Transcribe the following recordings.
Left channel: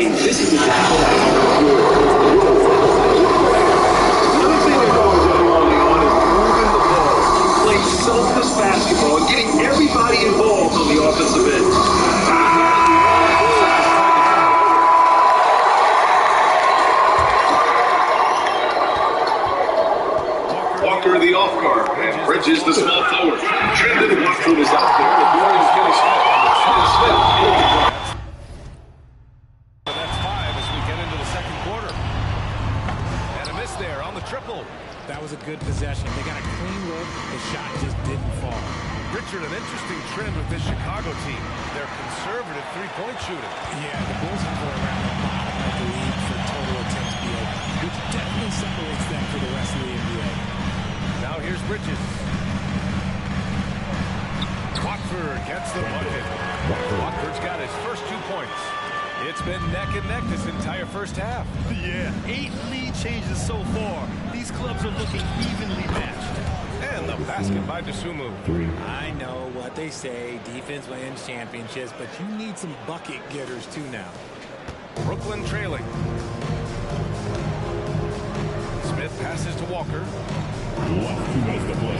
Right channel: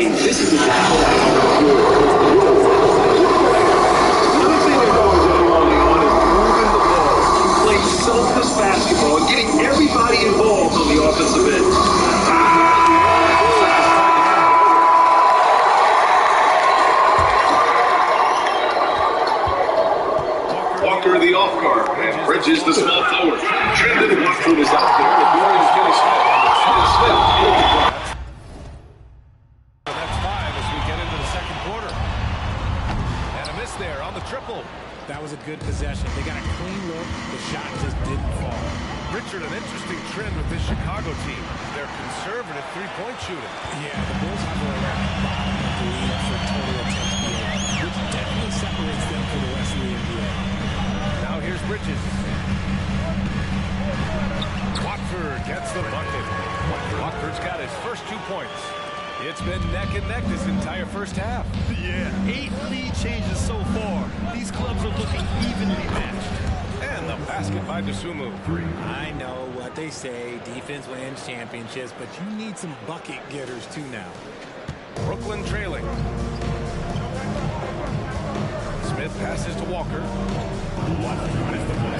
team. This is exactly how another thing they're going to early on is moving the ball, playing selfless basketball, and getting everybody involved on the offensive end. Walker the off guard, and Bridges the small forward. Trendon Watford is out there. The door is Kenny Smith. And that's 5 as we get into the second quarter. And a miss there on the triple. That was a good possession. They got a clean look. The shot just didn't fall. Richard, an interesting trend with this Chicago team. They're conservative three-point shooting. Yeah, the Bulls hover around the bottom of the league for total attempts BA, which definitely separates them from the rest of the NBA. Now here's Bridges. Watford gets the bucket. Watford's got his first 2 points. It's been neck and neck this entire first half. Yeah, 8 lead changes so far. These clubs are looking evenly matched. And the basket by Dosunmu. I know what they say, defense wins championships, but you need some bucket getters too now. Brooklyn trailing. Smith passes to Walker.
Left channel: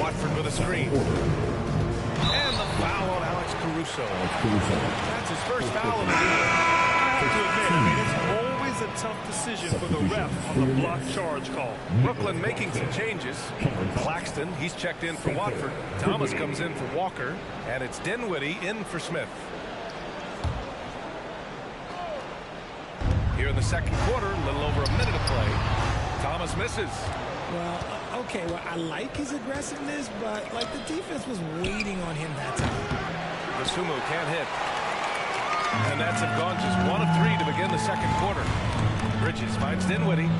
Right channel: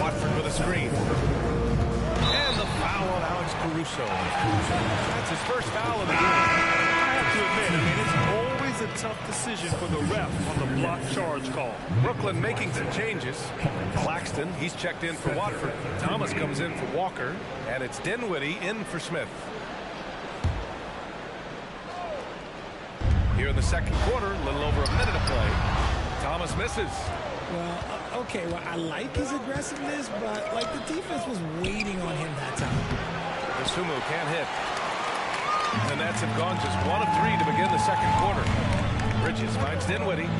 Watford with a screen. And the foul on Alex Caruso. That's his first foul of the game. I have to admit, I mean, it's always a tough decision for the ref on the block charge call. Brooklyn making some changes. Claxton, he's checked in for Watford. Thomas comes in for Walker. And it's Dinwiddie in for Smith. Here in the second quarter, a little over a minute of play. Thomas misses. Well, okay, well, I like his aggressiveness, but, like, the defense was waiting on him that time. Dosunmu can't hit. And that's have gone just 1 of 3 to begin the second quarter. Bridges finds Dinwiddie.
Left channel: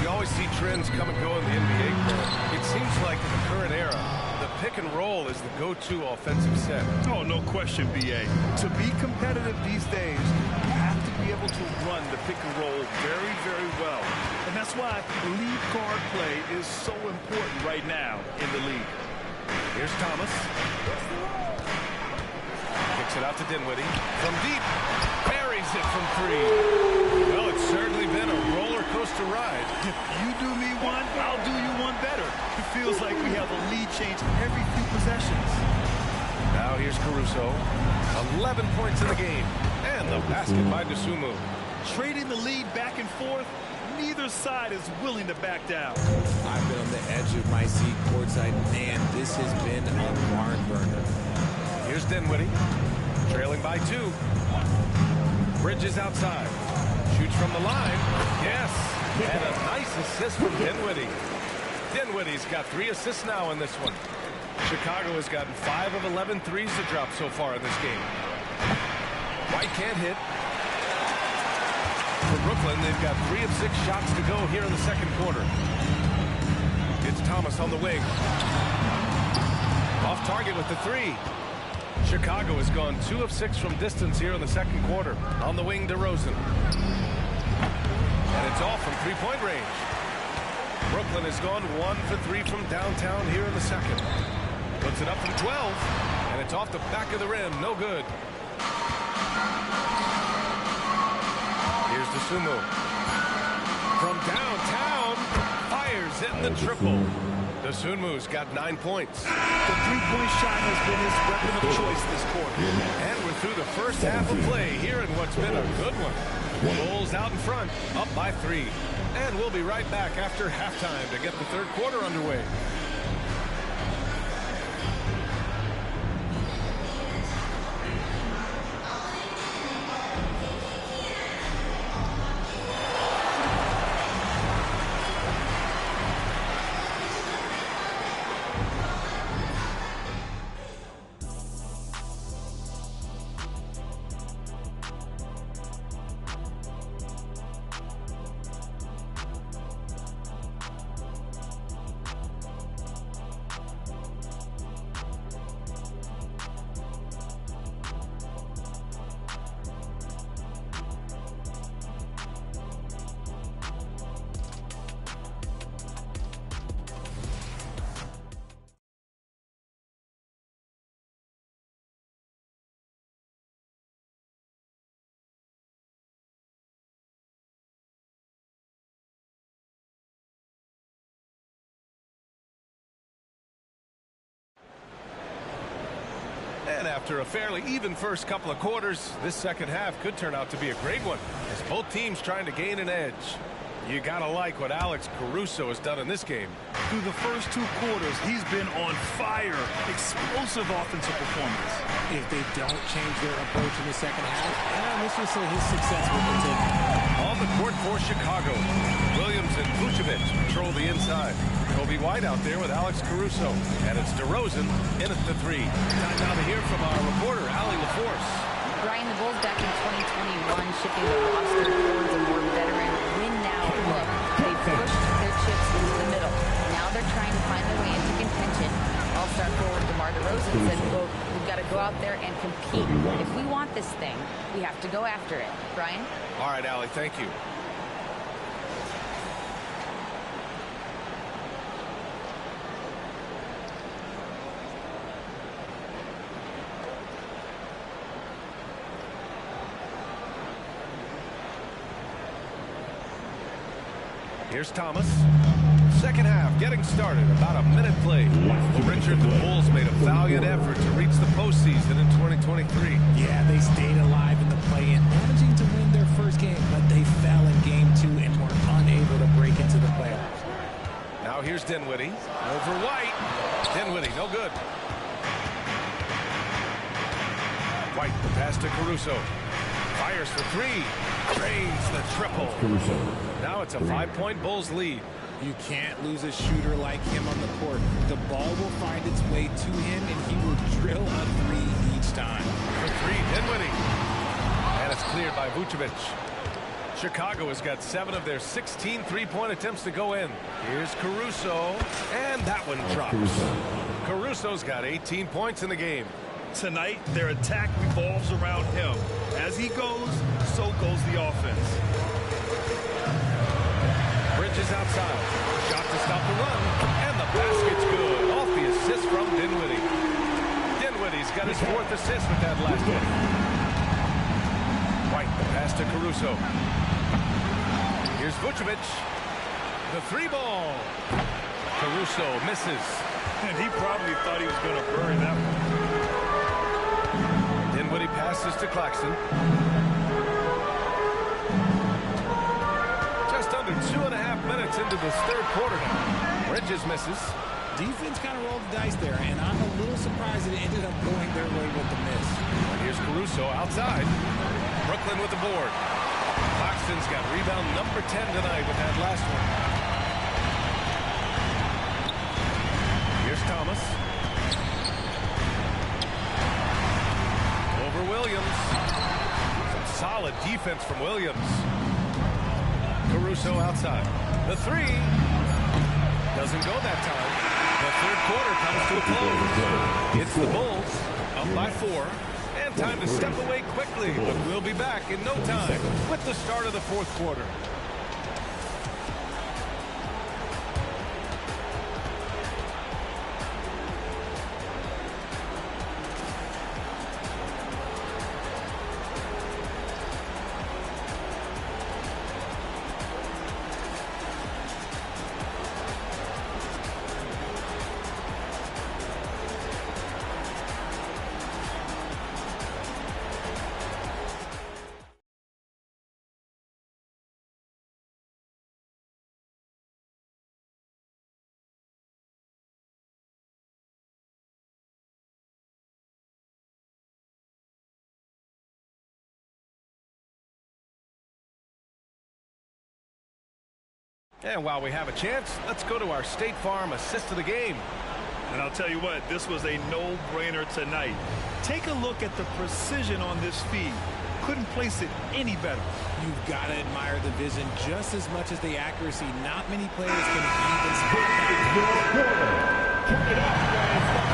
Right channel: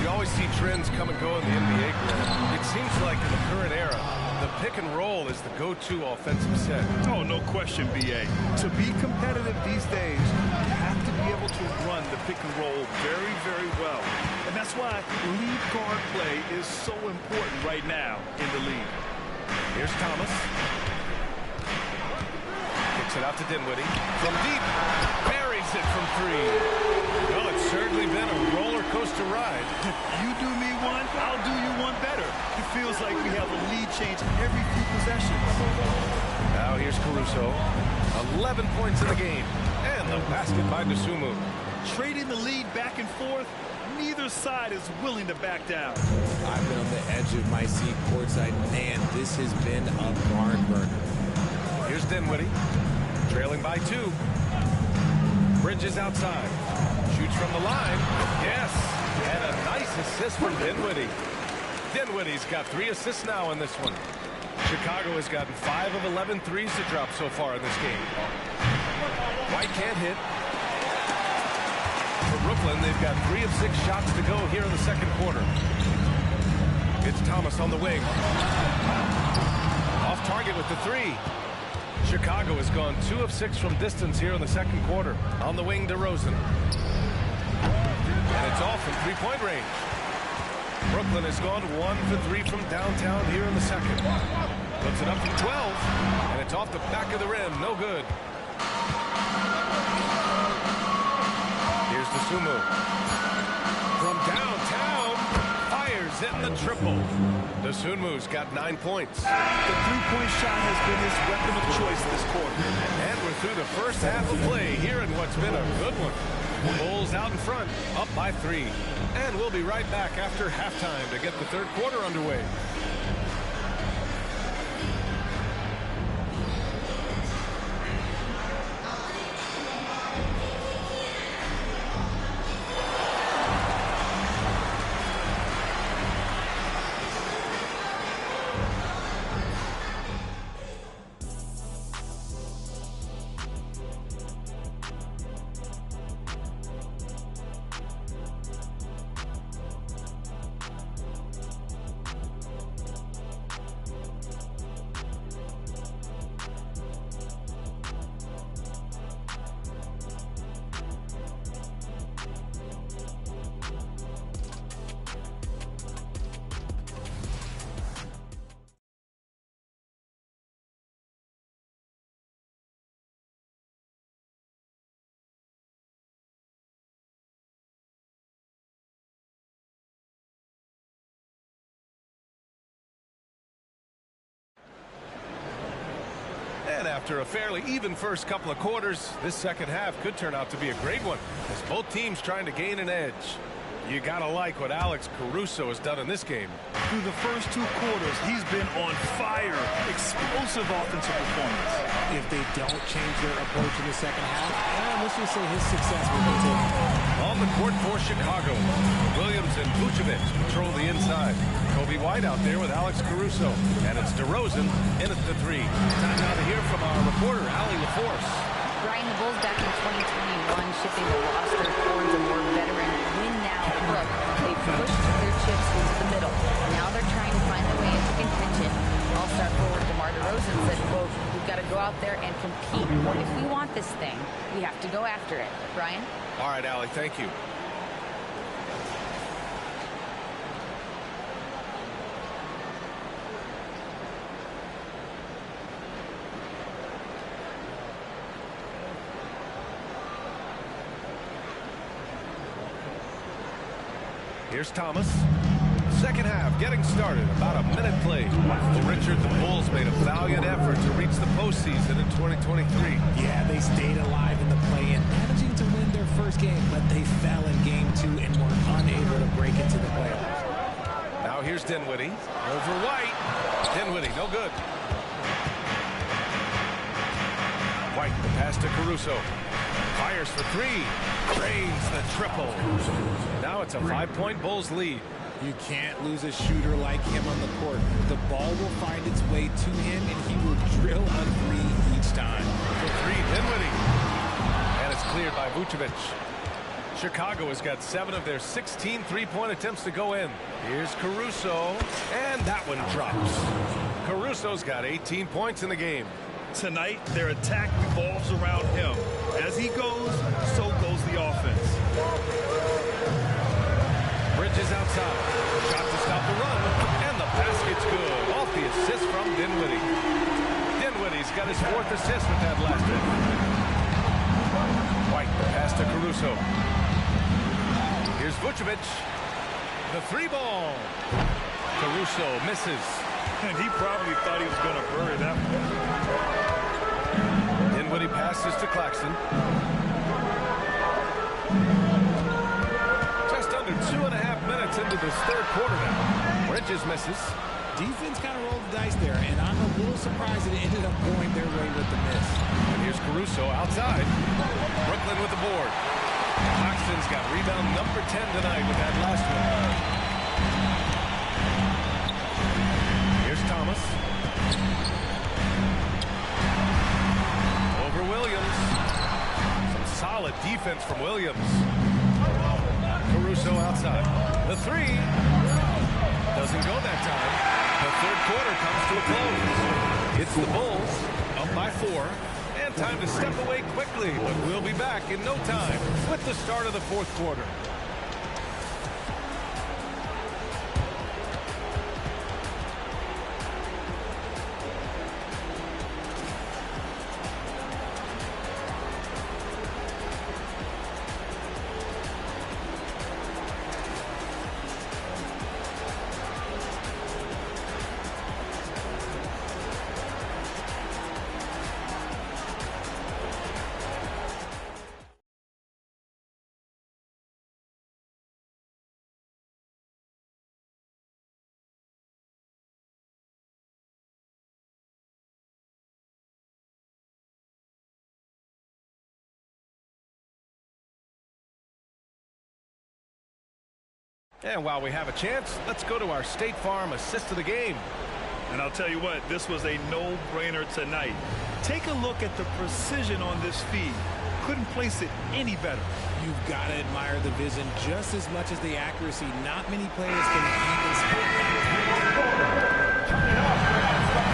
We always see trends come and go in the NBA, Grant. It seems like in the current era, the pick and roll is the go-to offensive set. Oh, no question, B.A. To be competitive these days, you have to be able to run the pick and roll very, very well. And that's why lead guard play is so important right now in the league. Here's Thomas. Kicks it out to Dinwiddie. From deep. Buries it from 3. Well, it's certainly been a roller coaster ride. You do me one, I'll do you one better. It feels like we have a lead change every few possessions. Now here's Caruso. 11 points in the game. And the basket by Dosunmu. Trading the lead back and forth, neither side is willing to back down. I've been on the edge of my seat courtside. Man, this has been a barn burner. Here's Dinwiddie. Trailing by 2. Bridges outside. Shoots from the line. Yes. And a nice assist from Dinwiddie. Dinwiddie's got 3 assists now in this one. Chicago has gotten 5 of 11 threes to drop so far in this game. White can't hit. For Brooklyn, they've got 3 of 6 shots to go here in the second quarter. It's Thomas on the wing. Off target with the 3. Chicago has gone 2 of 6 from distance here in the second quarter. On the wing, DeRozan. And it's all from three-point range. Brooklyn has gone 1 for 3 from downtown here in the second. Puts it up from 12. And it's off the back of the rim. No good. Here's Dosunmu. From downtown. Fires in the triple. Dosunmu's got 9 points. The three-point shot has been his weapon of choice this quarter. And we're through the first half of play here in what's been a good one. Bulls out in front, up by 3. And we'll be right back after halftime to get the third quarter underway. after a fairly even first couple of quarters, this second half could turn out to be a great one as both teams trying to gain an edge. You gotta like what Alex Caruso has done in this game. Through the first 2 quarters, he's been on fire. Explosive offensive performance. If they don't change their approach in the second half, let's just say his success will continue. On the court for Chicago, Williams and Vucevic patrol the inside. Kobe White out there with Alex Caruso. And it's DeRozan in at the 3. Time now to hear from our reporter, Allie LaForce. Brian, the Bulls back in 2021 shifting the roster towards a more veteran win-now look. They pushed their chips into the middle. Now they're trying to find their way into contention. All-star forward DeMar DeRozan said, quote, "We've got to go out there and compete. If we want this thing, we have to go after it." Brian? All right, Allie, thank you. Here's Thomas. Second half getting started. About a minute played. Well, Richard, the Bulls made a valiant effort to reach the postseason in 2023. Yeah, they stayed alive in the play-in, managing to win their first game, but they fell in game 2 and were unable to break into the playoffs. Now here's Dinwiddie. Over White. Dinwiddie, no good. White, the pass to Caruso. Fires for 3. Drains the triple. Now it's a 5-point Bulls lead. You can't lose a shooter like him on the court. The ball will find its way to him, and he will drill a 3 each time. For 3, Dinwiddie. And it's cleared by Vucevic. Chicago has got 7 of their 16 3-point attempts to go in. Here's Caruso. And that one drops. Caruso's got 18 points in the game. Tonight, their attack revolves around him. As he goes, so goes the offense. Bridges outside. Shot to stop the run. And the basket's good. Off the assist from Dinwiddie. Dinwiddie's got his 4th assist with that last hit. White, the pass to Caruso. Here's Vucevic. The 3-ball. Caruso misses. And he probably thought he was going to bury that one. Dinwiddie passes to Claxton. Just under 2.5 minutes into this third quarter now. Bridges misses. Defense kind of rolled the dice there, and I'm a little surprised that it ended up going their way with the miss. And here's Caruso outside. Brooklyn with the board. Claxton's got rebound number 10 tonight with that last one. Here's Thomas. Over Williams. Some solid defense from Williams. Caruso outside. The 3 doesn't go that time. The third quarter comes to a close. It's the Bulls up by 4. And time to step away quickly, but we'll be back in no time with the start of the fourth quarter. And while we have a chance, let's go to our State Farm assist of the game. And I'll tell you what, this was a no-brainer tonight. Take a look at the precision on this feed. Couldn't place it any better. You've got to admire the vision just as much as the accuracy. Not many players can even spot that.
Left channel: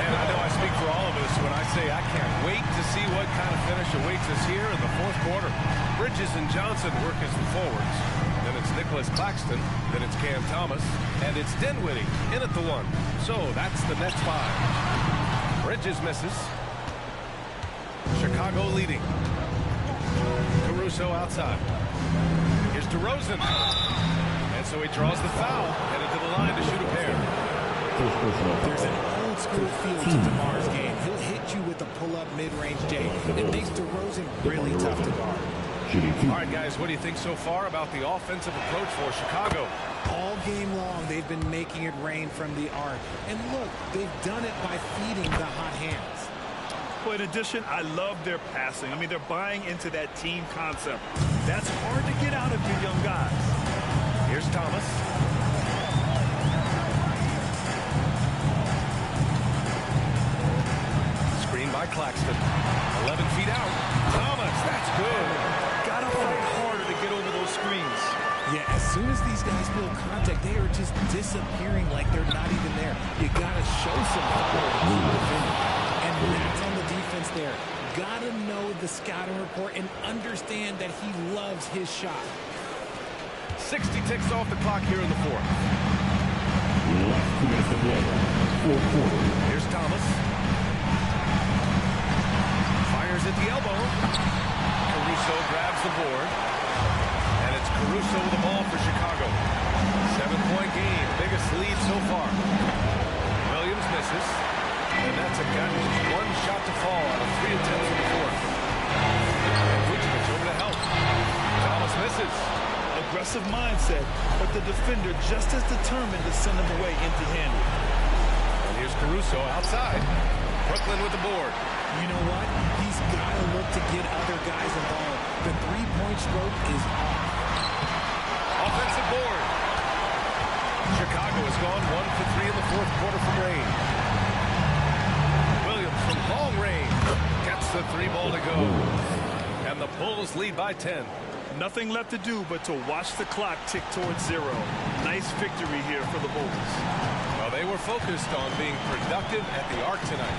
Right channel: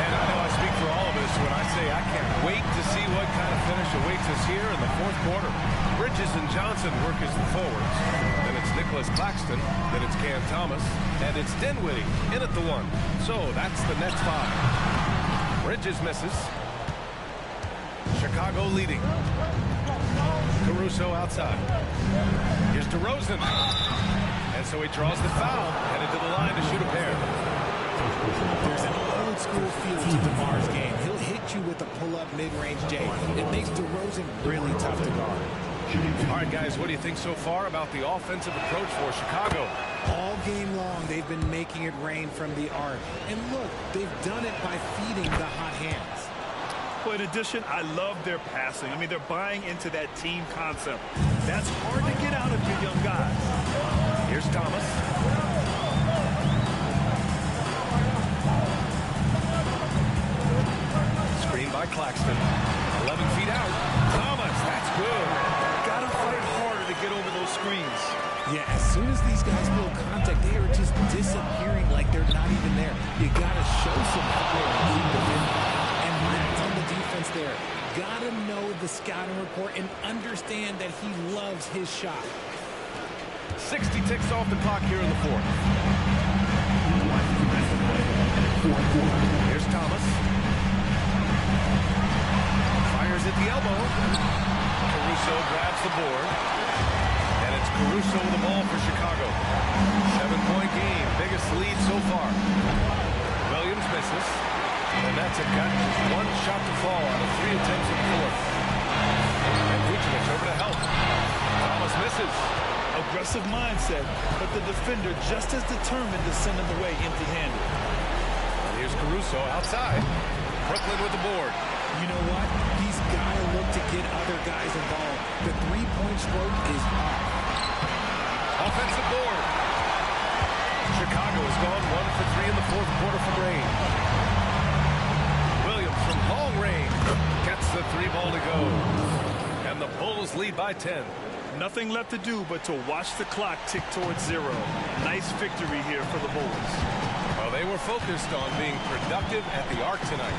And I know I speak for all of us when I say I can't wait to see what kind of finish awaits us here in the fourth quarter. Bridges and Johnson work as the forwards. Then it's Nicholas Claxton. Then it's Cam Thomas. And it's Dinwiddie in at the 1. So that's the Nets 5. Bridges misses. Chicago leading. Caruso outside. Here's DeRozan. And so he draws the foul. Headed to the line to shoot a pair. There's an old school feel to DeMar's game. He'll hit you with a pull-up mid-range J. It makes DeRozan really tough to guard. All right, guys, what do you think so far about the offensive approach for Chicago? All game long, they've been making it rain from the arc. And look, they've done it by feeding the hot hands. Well, in addition, I love their passing. I mean, they're buying into that team concept. That's hard to get out of your young guys. Here's Thomas. Screen by Claxton. 11 feet out. Thomas, that's good. Gotta fight harder to get over those screens. Yeah, as soon as these guys feel contact, they are just disappearing like they're not even there. You gotta show some fire and keep defending. And that's on the defense there. Gotta know the scouting report and understand that he loves his shot. 60 ticks off the clock here in the fourth. Here's Thomas. Fires at the elbow. Caruso grabs the board. And it's Caruso with the ball for Chicago. 7-point game. Biggest lead so far. Williams misses. The Nets have gotten just one shot to fall out of 3 attempts in the fourth. And Vucevic over to help. Thomas misses. Aggressive mindset, but the defender just as determined to send him away empty-handed. And here's Caruso outside. Brooklyn with the board. You know what? He's got to look to get other guys involved. The three-point stroke is off. Offensive board. Chicago has gone 1 for 3 in the fourth quarter from range. Williams from long range gets the 3 ball to go. And the Bulls lead by 10. Nothing left to do but to watch the clock tick towards 0. Nice victory here for the Bulls. Well, they were focused on being productive at the arc tonight.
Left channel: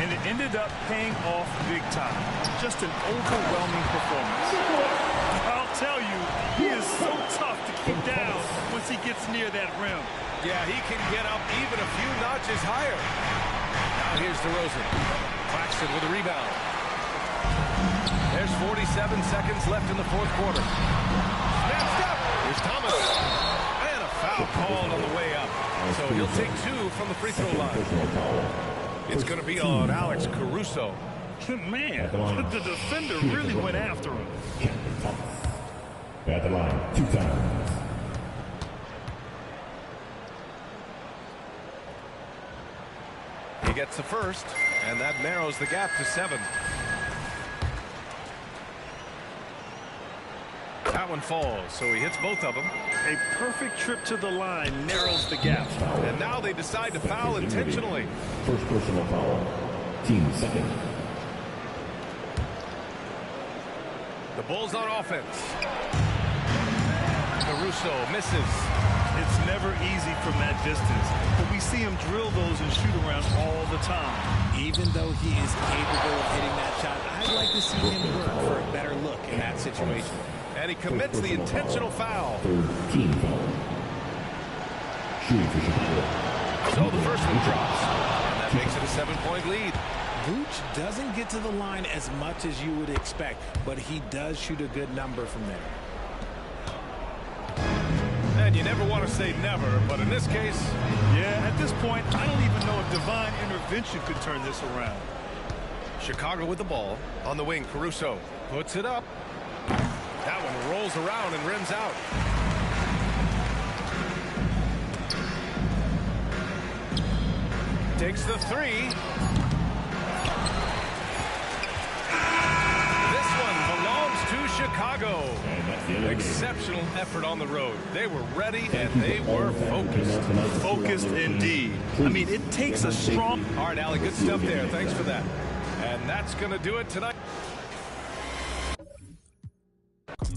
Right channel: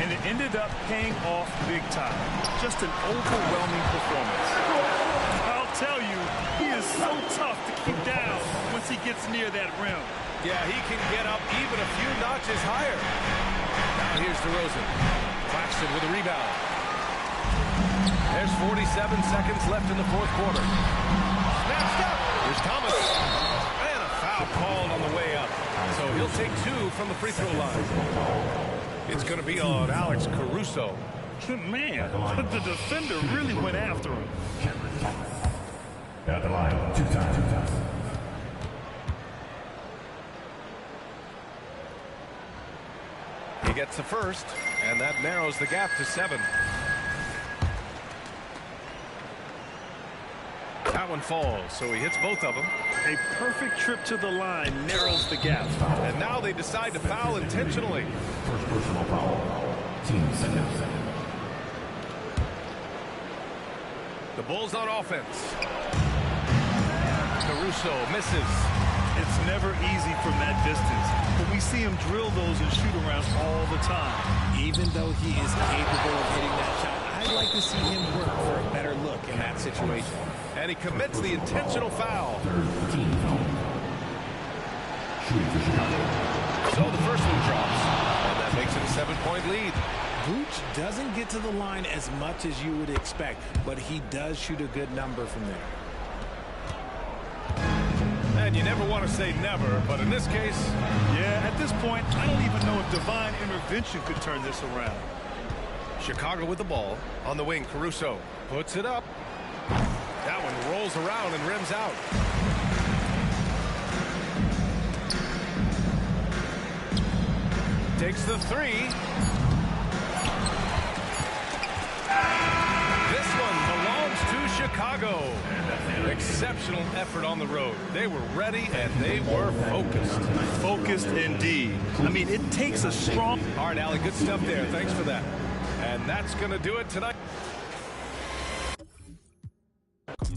And it ended up paying off big time. Just an overwhelming performance. I'll tell you, he is so tough to keep down once he gets near that rim. Yeah, he can get up even a few notches higher. Now here's DeRozan. Claxton with a rebound. There's 47 seconds left in the fourth quarter. Snatched up. Here's Thomas. And a foul called on the way up. So he'll take 2 from the free throw line. It's going to be on Alex Caruso. Man, the defender really went after him. At the line, 2 times. He gets the first, and that narrows the gap to 7. That one falls, so he hits both of them. A perfect trip to the line narrows the gap. And now they decide to foul intentionally. First personal foul. Team second. The Bulls on offense. Caruso misses. It's never easy from that distance, but we see him drill those and shoot around all the time. Even though he is capable of hitting that shot, I'd like to see him work for a better look in that situation. And he commits the intentional foul. Third team foul. Shooting for Chicago. So the first one drops, and that makes it a 7-point lead. Vooch doesn't get to the line as much as you would expect, but he does shoot a good number from there. And you never want to say never, but in this case... Yeah, at this point, I don't even know if divine intervention could turn this around. Chicago with the ball. On the wing, Caruso puts it up. That one rolls around and rims out. Takes the 3. This one belongs to Chicago. Exceptional effort on the road. They were ready and they were focused. Focused indeed. I mean, it takes a strong... All right, Allie, good stuff there. Thanks for that. And that's going to do it tonight.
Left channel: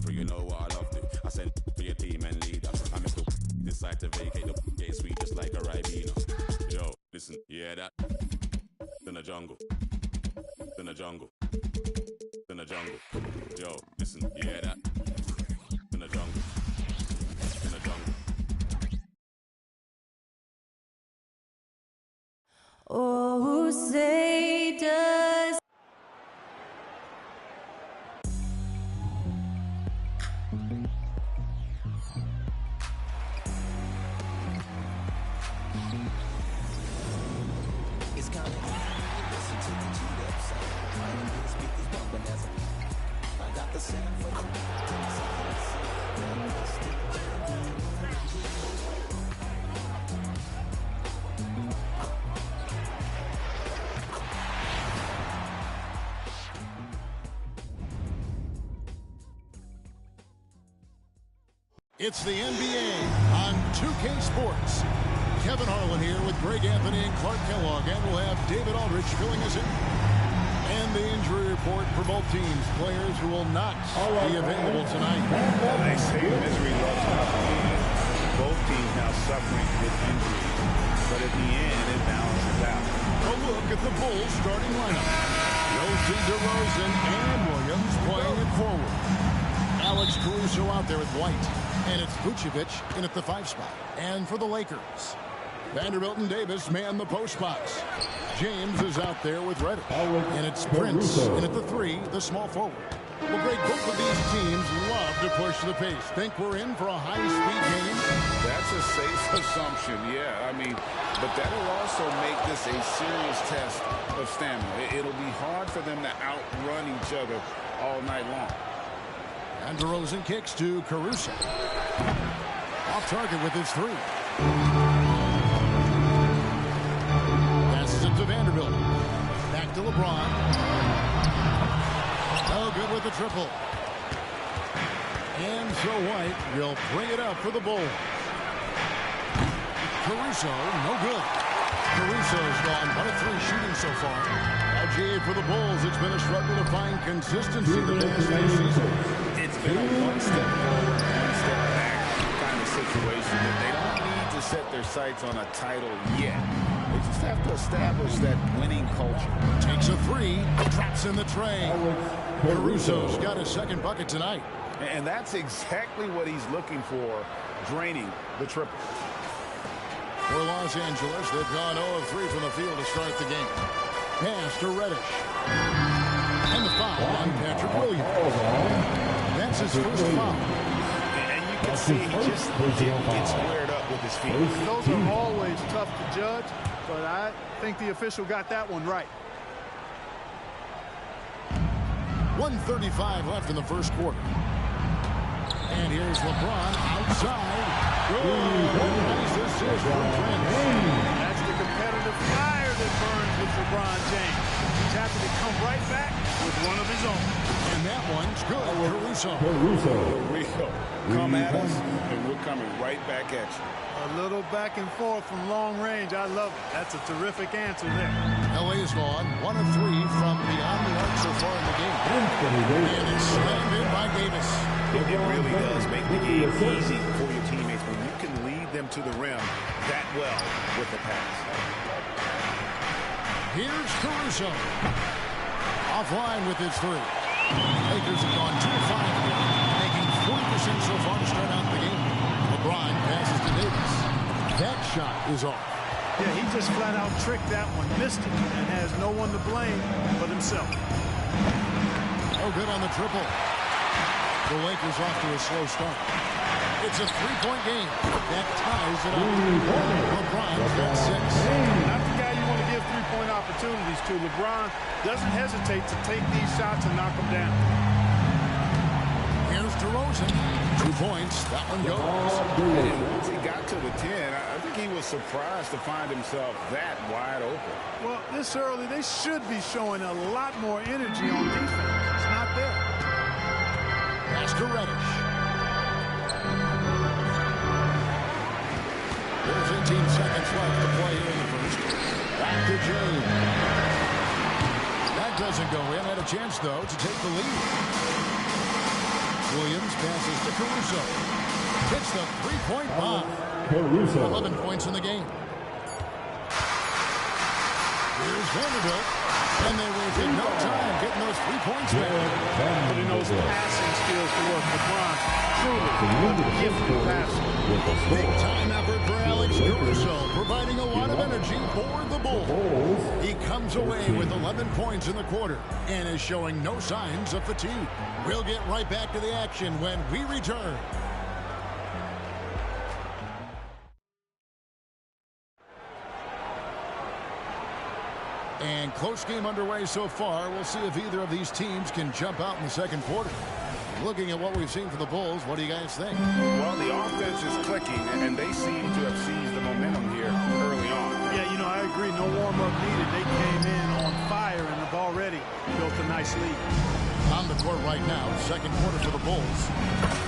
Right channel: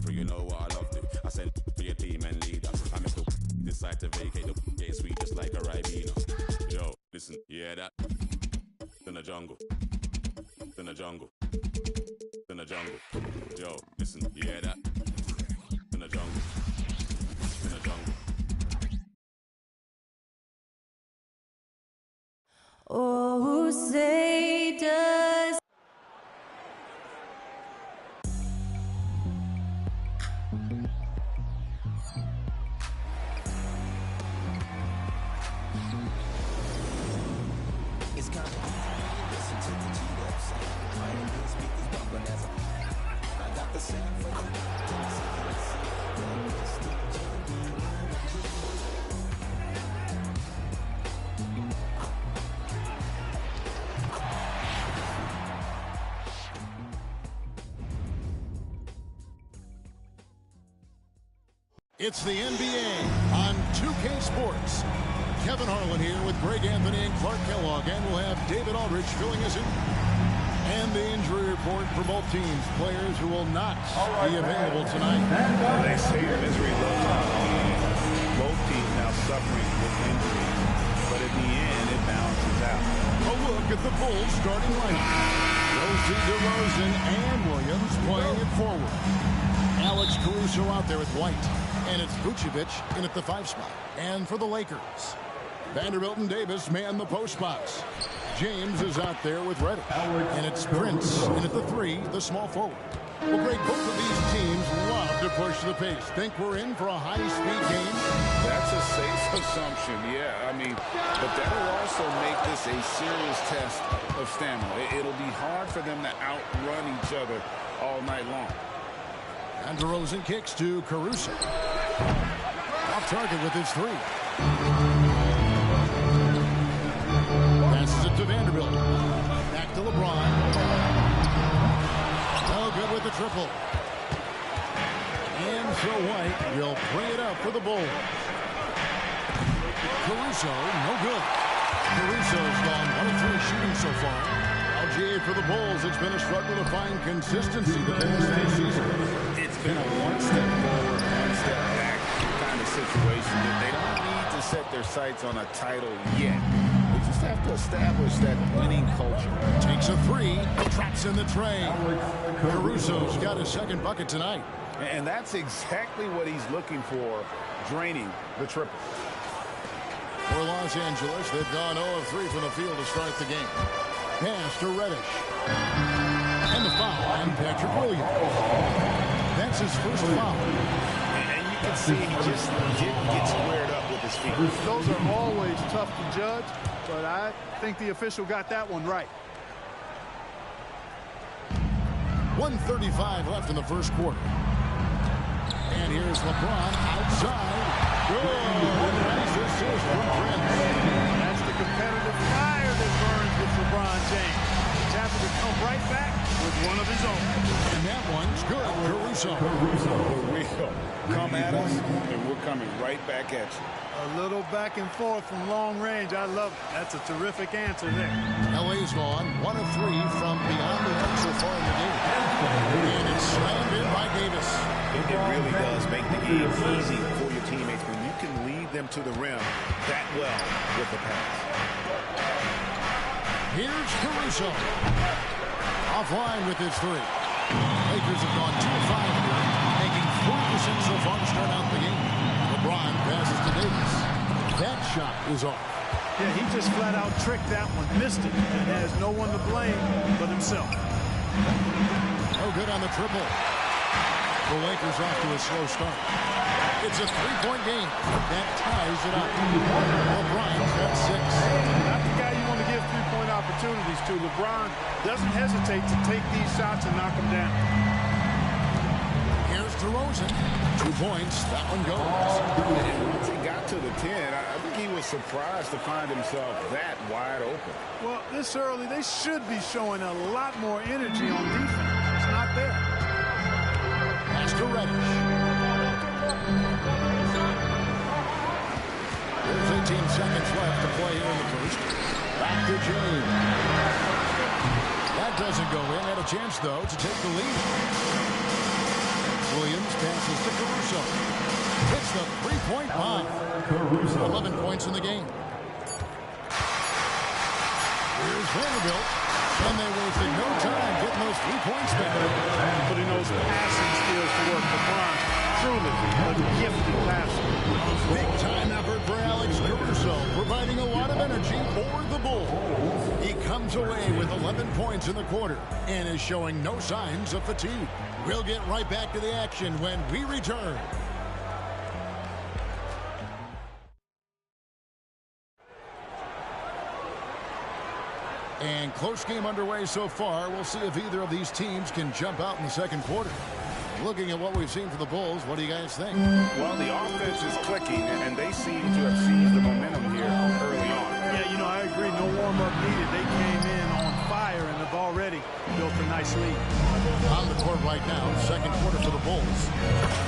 You know what I love to. I sent for your team and leader. I make the decide to vacate the gate sweet just like a Ribena. Yo, listen, you hear that? In the jungle. In the jungle. In the jungle. Yo, listen, you hear that? In the jungle. In the jungle. Oh, say does It's the NBA on 2K Sports. Kevin Harlan here with Greg Anthony and Clark Kellogg, and we'll have David Aldridge filling us in. And the injury report for both teams. Players who will not be available tonight. Well, they say misery loves company. Both teams now suffering with injuries, but at the end, it balances out. A look at the Bulls starting lineup. Rosie DeRozan and Williams playing it forward. Alex Caruso out there with White. And it's Vucevic in at the 5 spot. And for the Lakers, Vanderbilt and Davis man the post box. James is out there with Reddish. And it's Prince in at the 3, the small forward. Well, Greg, both of these teams love to push the pace. Think we're in for a high-speed game? That's a safe assumption, yeah. I mean, but that'll also make this a serious test of stamina. It'll be hard for them to outrun each other all night long. And DeRozan kicks to Caruso. Off target with his 3. Passes it to Vanderbilt. Back to LeBron. No good with the triple. And so White will bring it up for the Bulls. Caruso, no good. Caruso's gone 1 of 3 shooting so far. LGA for the Bulls. It's been a struggle to find consistency the past 2 seasons. It's been a one step forward, one step back kind of situation that they don't need to set their sights on a title yet. They just have to establish that winning culture. Takes a 3, drops in the tray. Caruso's got his 2nd bucket tonight. And that's exactly what he's looking for, draining the triple. For Los Angeles, they've gone 0 of 3 from the field to start the game. Pass to Reddish. And the foul on Patrick Williams. That's his first foul. And you can see he just didn't get squared up with his feet. Those are always tough to judge, but I think the official got that one right. 1:35 left in the first quarter. And here's LeBron outside. Good. Nice assist from Prince. That's the competitive fire that burns with LeBron James. He's happy to come right back with one of his own. And that one's good. Caruso. The real. Come at us, and we're coming right back at you. A little back and forth from long range. I love it. That's a terrific answer there. LA's gone 1 of 3 from beyond the arc so far in the game. And it's slammed in by Davis. It really does make the game easy for your teammates when you can lead them to the rim that well with the pass. Here's Caruso. Offline with his 3. Lakers have gone 2 of 5 here, making 40% so far to start out the game. LeBron passes to Davis. That shot is off. Yeah, he just flat out tricked that one, missed it, and has no one to blame but himself. No good on the triple. The Lakers off to a slow start. It's a 3-point game. That ties it up. LeBron's got 6. Not the guy you want to give 3-point opportunities to. LeBron doesn't hesitate to take these shots and knock them down. Here's DeRozan. 2 points. That one goes. And once he got to the 10, I think he was surprised to find himself that wide open. Well, this early, they should be showing a lot more energy on defense. It's not there. Pass to Reddish. There's 18 seconds left to play here in the first. Back to James. That doesn't go in. Had a chance, though, to take the lead. Williams passes to Caruso. Hits the 3-point bomb. 11 points in the game. Here's Vanderbilt. And they wasted no time getting those 3 points back. Putting those passing skills to work. LeBron, truly a gifted passer. Big time effort for Alex Caruso, providing a lot of energy for the Bulls. He comes away with 11 points in the quarter and is showing no signs of fatigue. We'll get right back to the action when we return. And close game underway so far. We'll see if either of these teams can jump out in the second quarter. Looking at what we've seen from the Bulls, what do you guys think? Well, the offense is clicking, and they seem to have seized the momentum here early on. Yeah, you know, I agree. No warm-up needed. They came in on fire and have already built a nice lead. On the court right now, second quarter for the Bulls.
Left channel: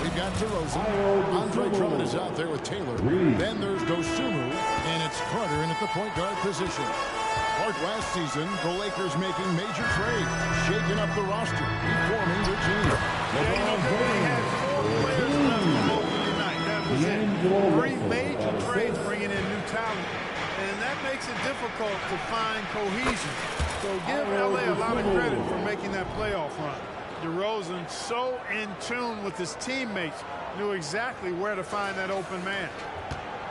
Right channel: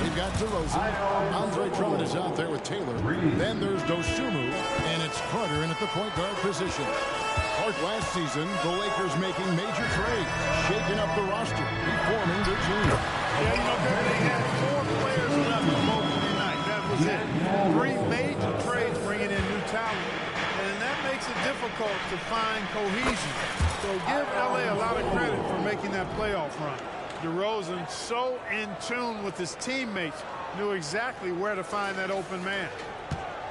We've got DeRozan. Andre Drummond is out there with Taylor. Then there's Dosunmu, and it's Carter in at the point guard position. Like last season, the Lakers making major trades, shaking up the roster, reforming their team. Yeah, you know, Kevin, they had 4 players left from opening night. That was it. 3 major trades bringing in new talent, and that makes it difficult to find cohesion. So give L.A. a lot of credit for making that playoff run. DeRozan, so in tune with his teammates, knew exactly where to find that open man.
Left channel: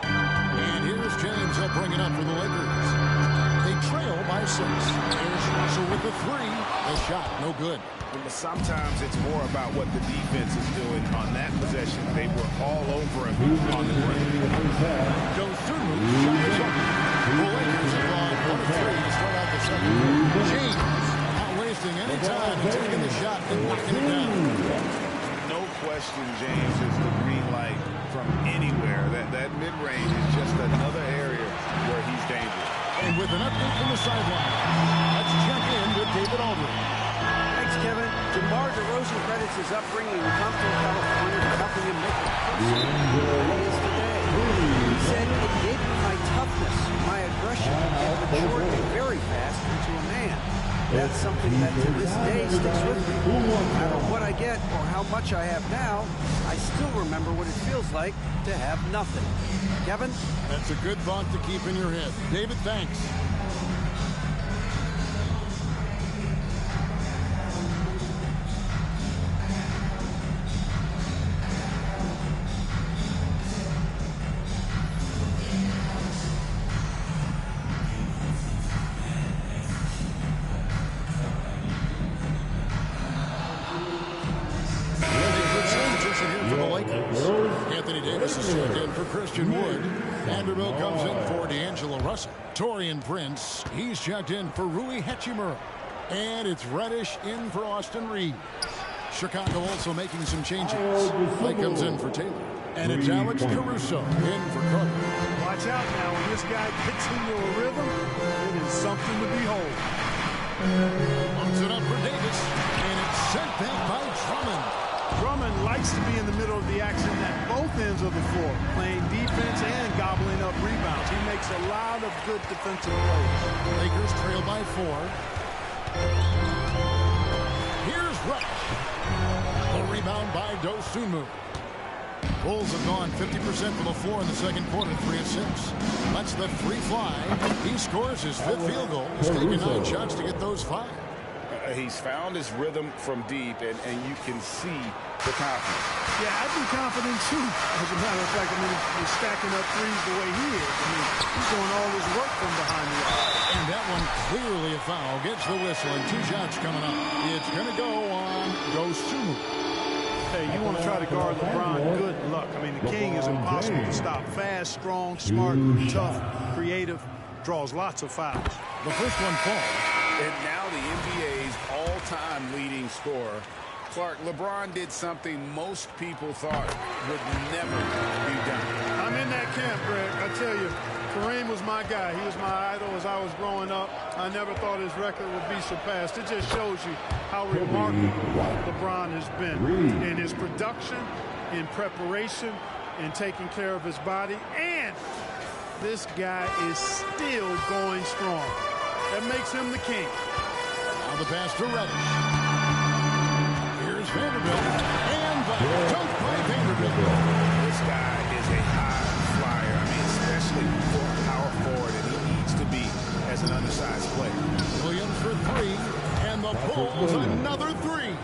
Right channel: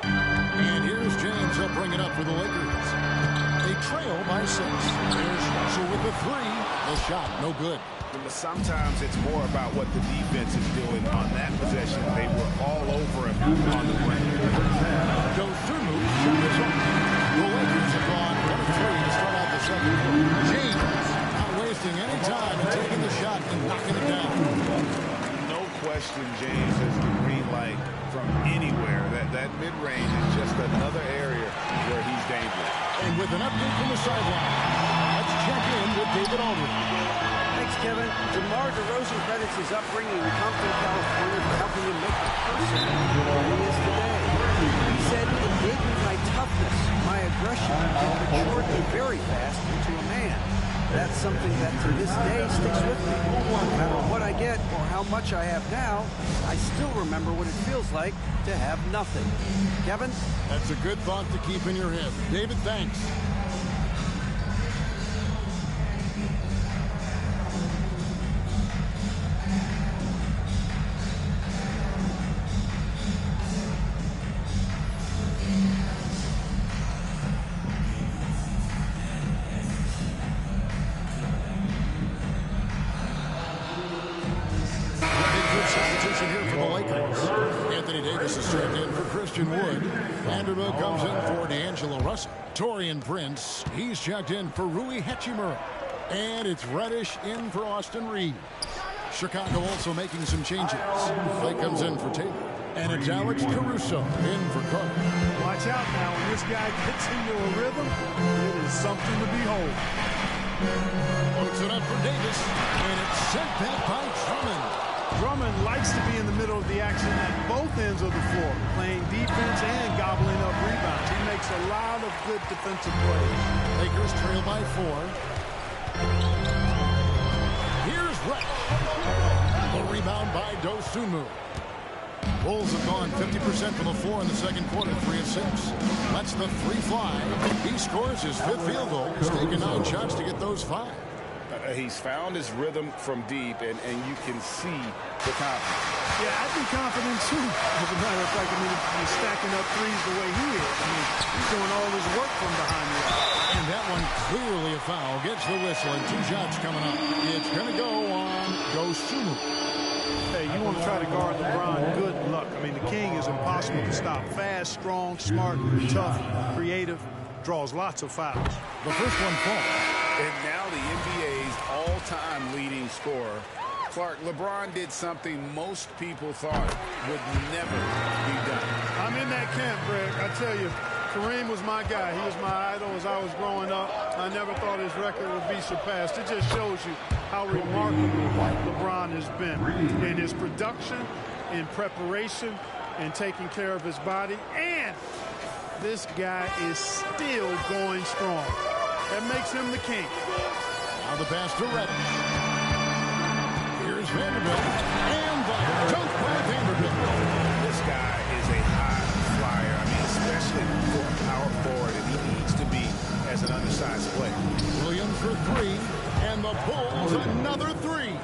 And here's James. He'll bring it up for the Lakers. They trail by 6. Here's Russell with the 3. The shot, no good. Sometimes it's more about what the defense is doing on that possession. They were all over him on the brim. Dosunmu's shot is up. The Lakers have gone 1 of 3 to start out the second quarter. James not wasting any time and taking the shot and knocking it down. No question, James has the green light from anywhere. That mid-range is just another area where he's dangerous. And with an update from the sideline, let's check in with David Aldridge. Thanks, Kevin. DeMar DeRozan credits his upbringing in Compton, California for helping him make the person that he is today. He said, "It gave me my toughness, my aggression. It matured me very fast into a man. That's something that to this day sticks with me. No matter what I get or how much I have now, I still remember what it feels like to have nothing." Kevin? That's a good thought to keep in your head. David, thanks. Here for the Lakers. Anthony Davis is checked in for Christian Wood. Vanderbilt comes in for D'Angelo Russell. Taurean Prince, he's checked in for Rui Hachimura. And it's Reddish in for Austin Reeves. Chicago also making some changes. Mike comes in for Taylor. And it's Alex Caruso in for Carter. Watch out now. When this guy gets into a rhythm, it is something to behold. Loads it up for Davis. And it's sent back by Drummond. Drummond likes to be in the middle of the action at both ends of the floor, playing defense and gobbling up rebounds. He makes a lot of good defensive plays. Lakers trail by 4. Here's Reddish. The rebound by Dosunmu. Bulls have gone 50% from the floor in the second quarter, 3 of 6. Lets the 3 fly. He scores his 5th field goal. He's taken 9 shots to get those 5. He's found his rhythm from deep, and you can see the confidence. Yeah, I'd be confident, too. As a matter of fact, I mean, if you're stacking up threes the way he is, I mean, he's doing all his work from behind the arc. And that one clearly a foul. Gets the whistle, and 2 shots coming up. It's going to go on Dosunmu. Hey, you want to try to guard LeBron, good luck. I mean, the king is impossible to stop. Fast, strong, smart, tough, creative, draws lots of fouls. The first one falls. And now the NBA's all-time leading scorer, Clark. LeBron did something most people thought would never be done. I'm in that camp, Greg. I tell you, Kareem was my guy. He was my idol as I was growing up. I never thought his record would be surpassed. It just shows you how remarkable LeBron has been in his production, in preparation, in taking care of his body. And this guy is still going strong. That makes him the king. Now the pass to Reddish. Here's Vanderbilt. And the dunk by Vanderbilt. This guy is a high flyer. I mean, especially for a power forward, and he needs to be as an undersized player. Williams for 3. And the Bulls another 3.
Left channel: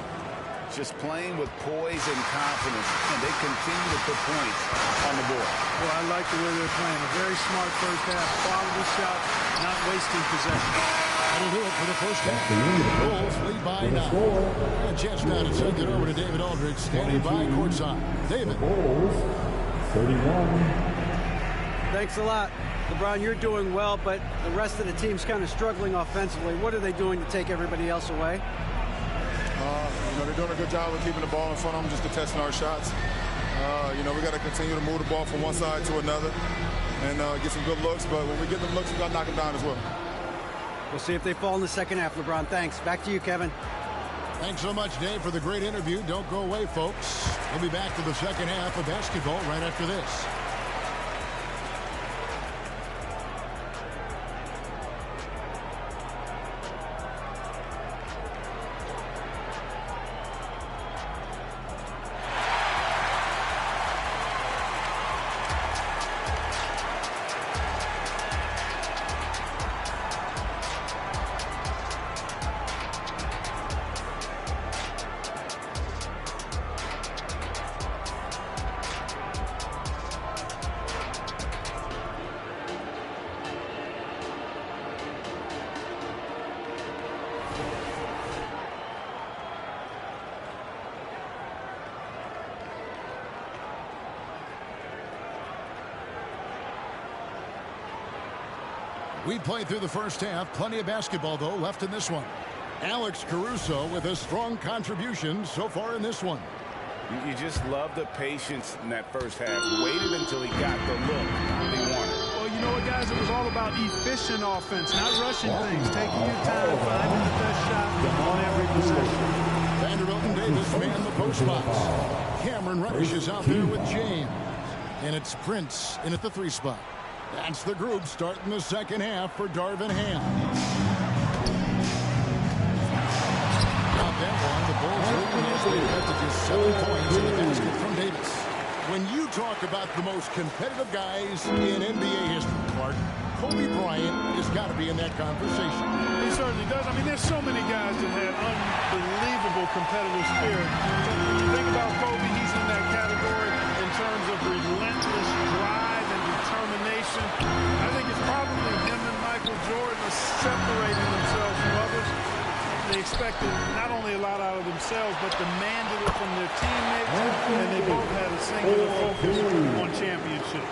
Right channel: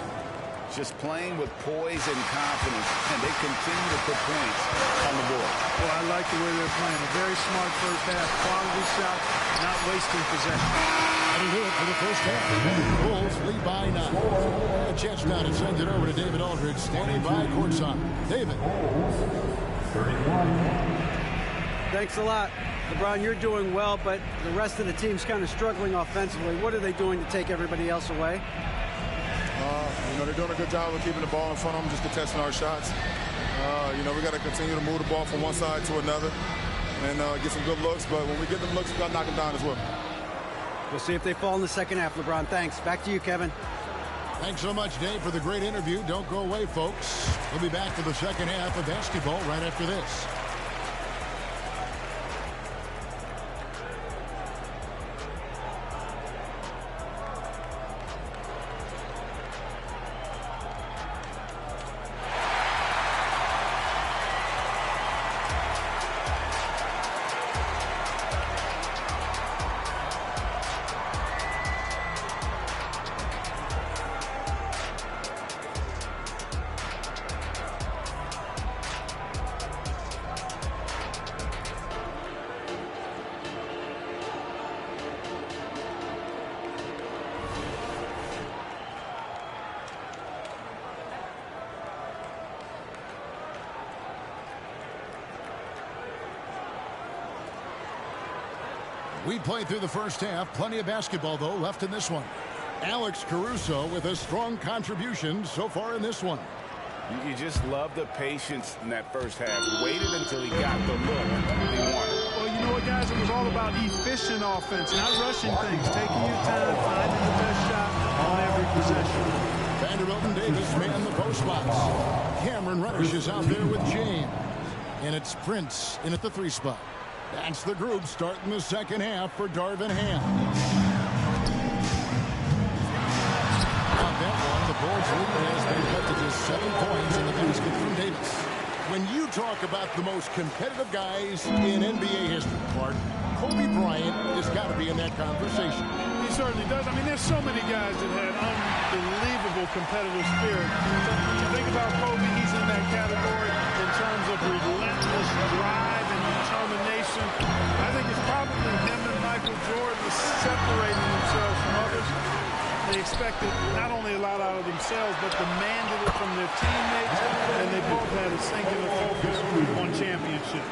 Just playing with poise and confidence, and they continue to put points on the board. Well, I like the way they're playing. A very smart first half, quality shots, not wasting possession. That'll do it for the first half. Bulls lead by 9. And a chance now to send it over to David Aldridge, standing by courtside. David. 31. Thanks a lot. LeBron, you're doing well, but the rest of the team's kind of struggling offensively. What are they doing to take everybody else away? You know, they're doing a good job of keeping the ball in front of them, just contesting our shots. You know, we got to continue to move the ball from one side to another and get some good looks. But when we get them looks, we got to knock them down as well. We'll see if they fall in the second half, LeBron. Thanks. Back to you, Kevin. Thanks so much, Dave, for the great interview. Don't go away, folks. We'll be back for the second half of basketball right after this. We played through the first half. Plenty of basketball, though, left in this one. Alex Caruso with a strong contribution so far in this one. You just love the patience in that first half. Waited until he got the look he wanted. Well, you know what, guys? It was all about efficient offense, not rushing things, taking your time, finding the best shot on every possession. Vanderbilt and Davis man the post box. Cameron Reddish is out there with James. And it's Prince in at the 3 spot. That's the group starting the second half for Darvin Ham. On that one, the Bulls lead has been cut to just 7 points in the basket from Davis. When you talk about the most competitive guys in NBA history, Clark, Kobe Bryant has got to be in that conversation. He certainly does. I mean, there's so many guys that had unbelievable competitive spirit. So when you think about Kobe, he's in that category in terms of relentless drive and determination. I think it's probably him and Michael Jordan are separating themselves from others. They expected not only a lot out of themselves, but demanded it from their teammates, and they both had a singular focus on championships.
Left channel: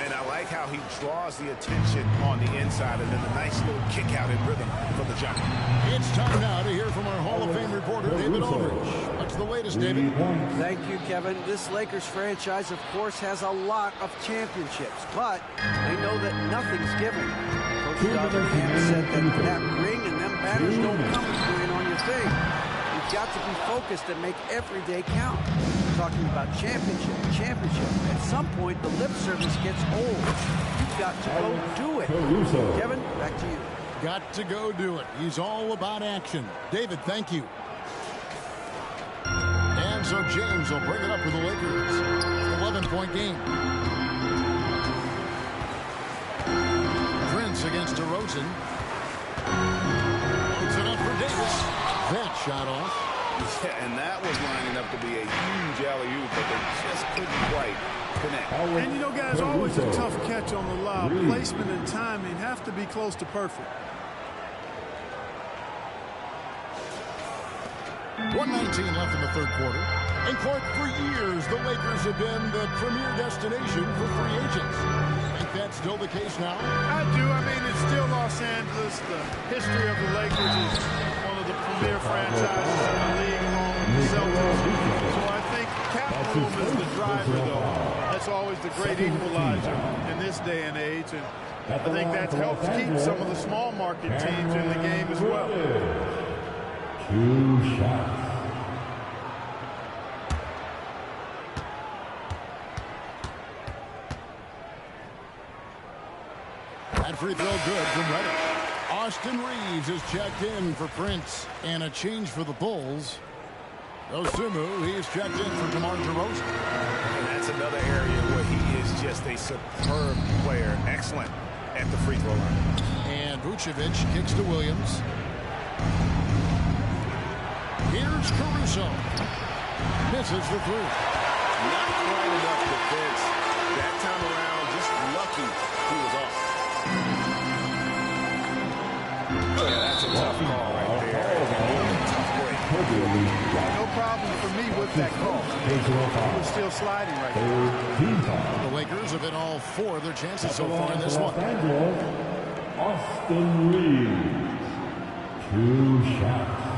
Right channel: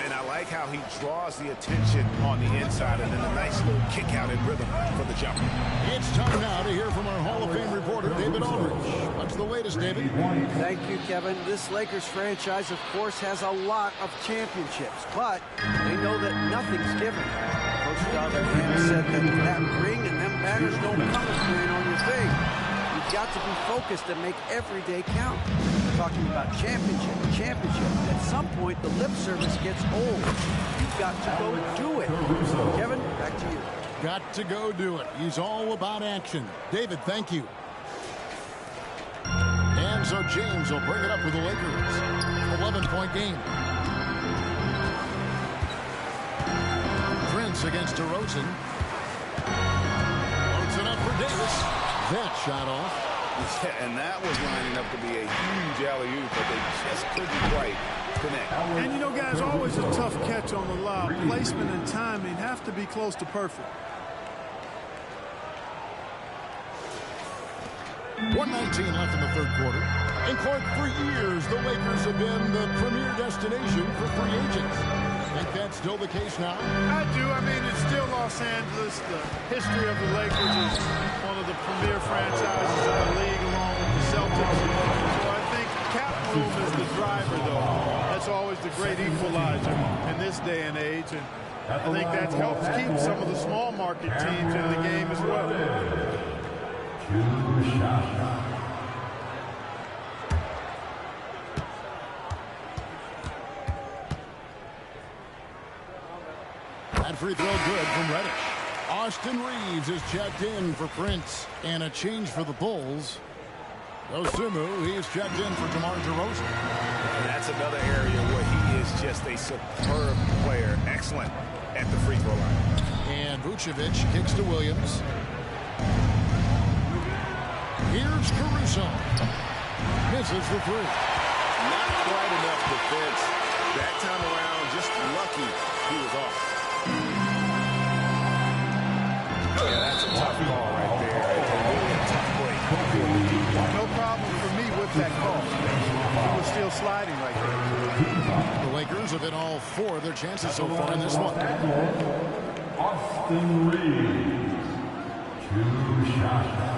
And I like how he draws the attention on the inside, and then a nice little kick out in rhythm for the jumper. It's time now to hear from our Hall of Fame reporter, David Aldridge. What's the latest, David? Thank you, Kevin. This Lakers franchise, of course, has a lot of championships, but they know that nothing's given. Coach Darvin Ham said that ring and them banners don't come if you ain't on your thing. You've got to be focused and make every day count. Talking about championship. At some point, the lip service gets old. You've got to go do it. Kevin, back to you. Got to go do it. He's all about action. David, thank you. And so James will bring it up for the Lakers. 11-point game. Prince against DeRozan. Loads it up for Davis. That shot off. Yeah, and that was lining up to be a huge alley-oop, but they just couldn't quite connect. And, you know, guys, always a tough catch on the lob. Placement and timing have to be close to perfect. 1:19 left in the third quarter. And Clark, for years, the Lakers have been the premier destination for free agents. Think that's still the case now? I do. I mean, it's still Los Angeles. The history of the Lakers is one of the premier franchises in the league, along with the Celtics. So I think cap room is the driver, though. That's always the great equalizer in this day and age. And I think that helps keep some of the small market teams in the game as well. 2 shots. That free throw good from Reddish. Austin Reeves is checked in for Prince. And a change for the Bulls. Dosunmu, he is checked in for DeMar DeRozan. And that's another area where he is just a superb player. Excellent at the free throw line. And Vucevic kicks to Williams. Here's Caruso. Misses the 3. Not quite enough defense. That time around, just lucky he was off. Yeah, that's a tough call right there. And really a tough break. No problem for me with that call. I mean, he was still sliding right there. The Lakers have hit all 4 of their chances so far in this one. Austin Reeves. 2 shots.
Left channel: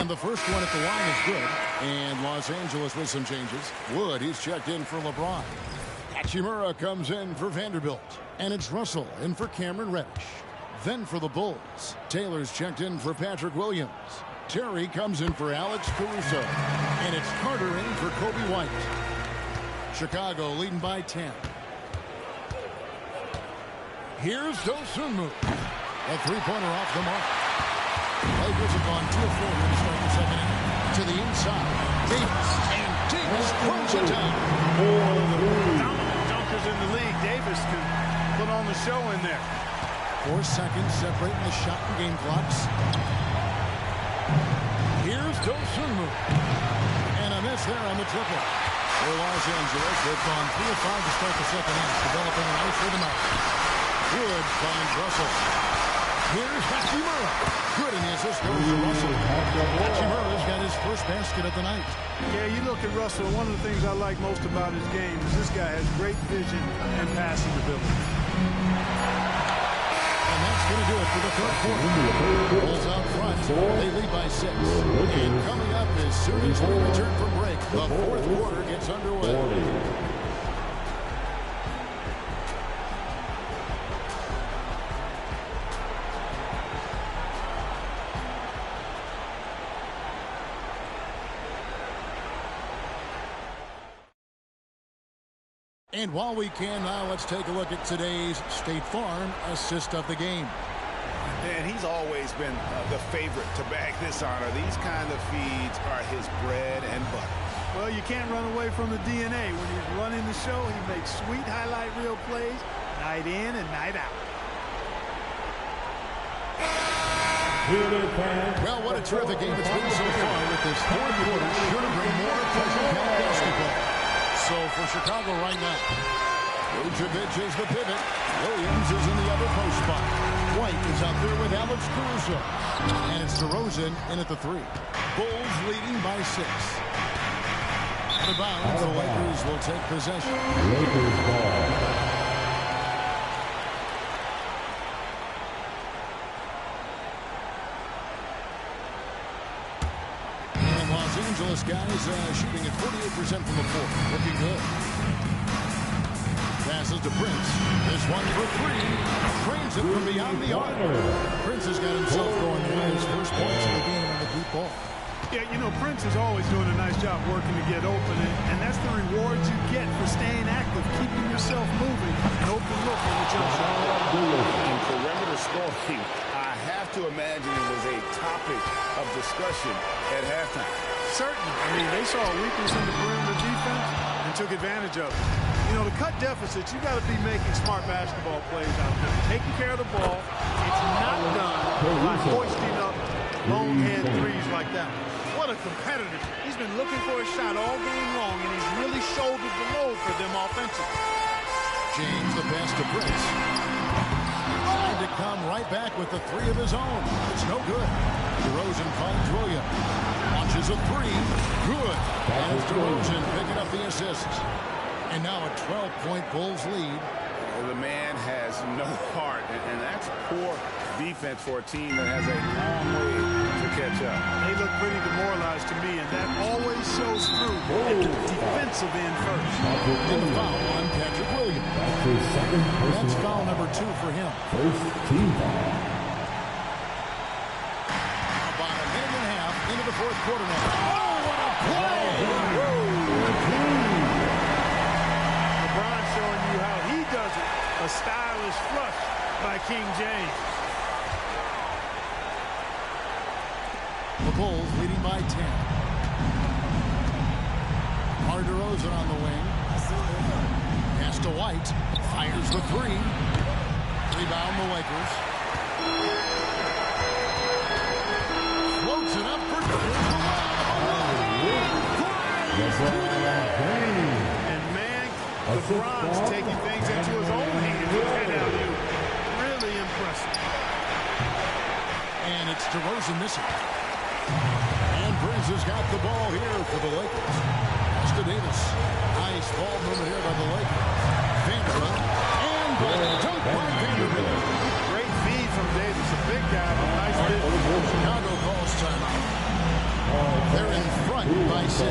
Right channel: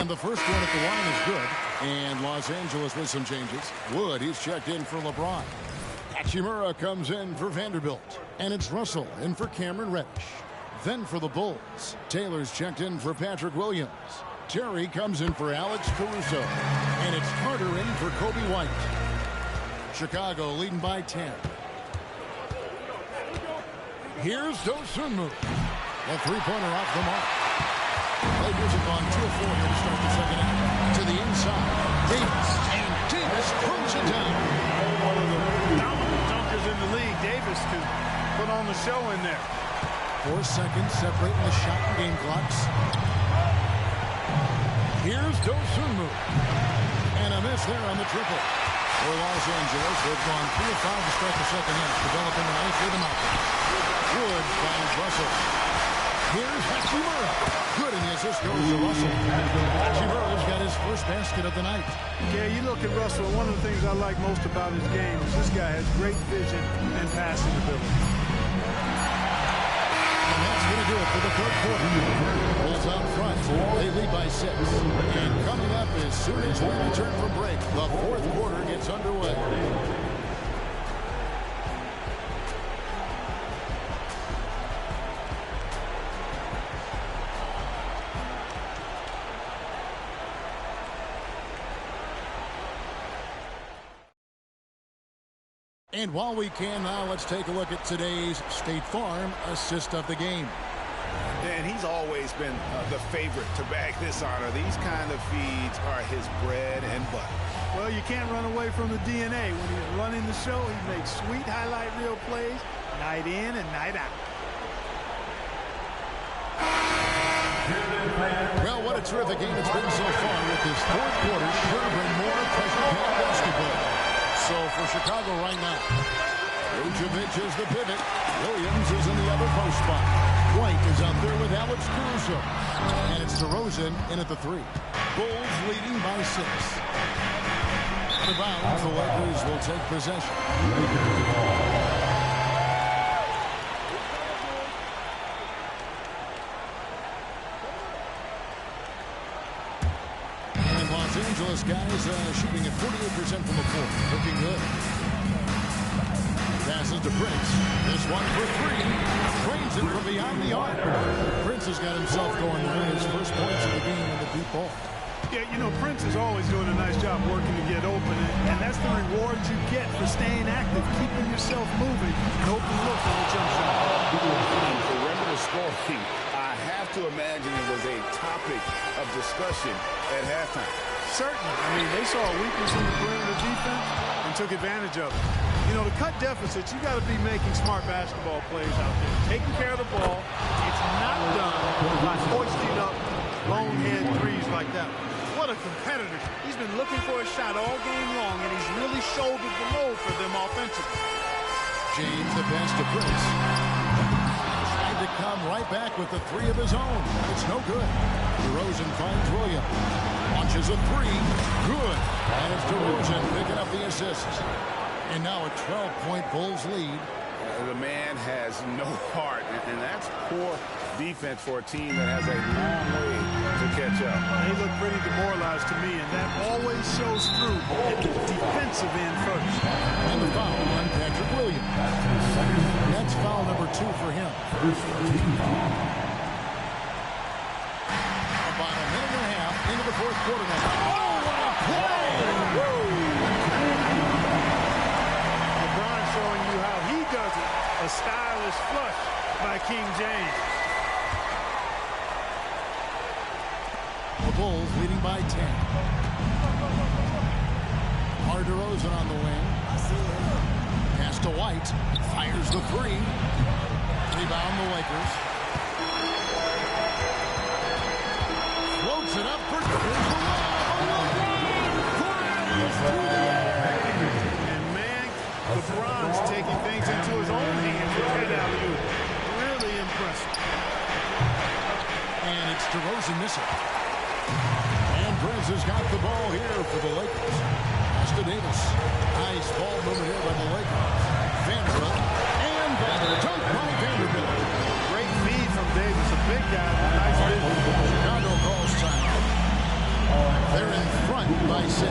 And the first one at the line is good. And Los Angeles with some changes. Wood, he's checked in for LeBron. Hachimura comes in for Vanderbilt. And it's Russell in for Cameron Reddish. Then for the Bulls, Taylor's checked in for Patrick Williams. Terry comes in for Alex Caruso. And it's Carter in for Kobe White. Chicago leading by 10. Here's Dosunmu. The three-pointer off the mark. Lakers have gone 2 of 4 here to start the second half. To the inside, Davis. And Davis throws it down. One of the dominant dunkers in the league. Davis can put on the show in there. 4 seconds separating the shot and game clocks. Here's Dosunmu. And a miss there on the triple. For Los Angeles, they've gone 3 of 5 to start the second half, developing a nice rhythm out there. Wood finds Russell. Here's Hachimura. Good, and the assist goes to Russell. Hachimura's got his first basket of the night. Yeah, you look at Russell, one of the things I like most about his game is this guy has great vision and passing ability. And that's going to do it for the third quarter. Bulls out front. They lead by 6. And coming up as soon as we return from break, the fourth quarter gets underway. And while we can now, let's take a look at today's State Farm assist of the game. And he's always been the favorite to bag this honor. These kind of feeds are his bread and butter. Well, you can't run away from the DNA. When he's running the show, he makes sweet highlight reel plays night in and night out. Well, what a terrific game it's been so far, with this fourth quarter sure to bring more pressure-packed basketball. So for Chicago right now, Vucevic is the pivot. Williams is in the other post spot. White is out there with Alex Caruso. And it's DeRozan in at the 3. Bulls leading by 6. Out of bounds, the Lakers will take possession. Lakers ball. Los Angeles guys shooting at 48% from the floor. Looking good. Passes to Prince. This one for 3. Trains it from beyond the arc. Prince has got himself going there. His first points of the game on the deep ball. Yeah, you know, Prince is always doing a nice job working to get open, and that's the reward you get for staying active, keeping yourself moving, and open look on the jump shot. In perimeter scoring, I have to imagine it was a topic of discussion at halftime. Certainly. I mean, they saw a weakness in the perimeter defense and took advantage of it. You know, to cut deficits, you got to be making smart basketball plays out there. Taking care of the ball. It's not done by hoisting up bonehead threes like that. What a competitor. He's been looking for a shot all game long, and he's really shouldered the load for them offensively. James, the pass to Prince. Tried to come right back with the 3 of his own, but it's no good. DeRozan finds Williams. Launches a 3. Good. And it's DeRozan picking up the assist. And now a 12-point Bulls lead. The man has no heart, and that's poor defense for a team that has a long way to catch up. They look pretty demoralized to me, and that always shows through at the defensive end first. And the foul on Patrick Williams. That's foul number 2 for him. First team foul. About a minute and a half into the fourth quarter now. Oh, what a play! LeBron showing you how he does it. A stylish flush by King James. The Bulls leading by 10. DeRozan on the wing. Pass to White. Fires the 3. Rebound the Lakers. Floats it up for here's the lob. Flies through the air. And man, LeBron's taking things into his own hands with head alley-oop. Really impressive. And it's DeRozan missing. And Prince has got the ball here for the Lakers. Pass to Davis. Nice ball movement here by the Lakers. Vanderbilt. And the dunk by Vanderbilt. Great feed from Davis. A big guy with nice vision. Chicago calls timeout. They're in front by 6.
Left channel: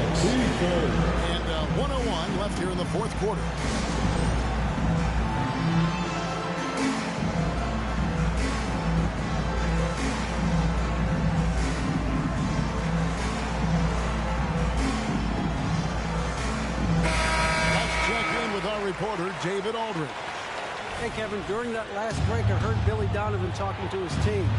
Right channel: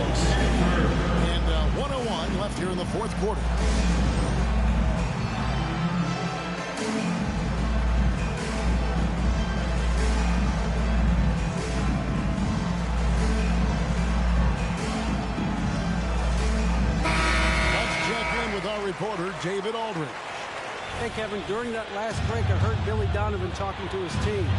And 1:01 left here in the fourth quarter. Let's check in with our reporter, David Aldridge. Hey, Kevin, during that last break, I heard Billy Donovan talking to his team.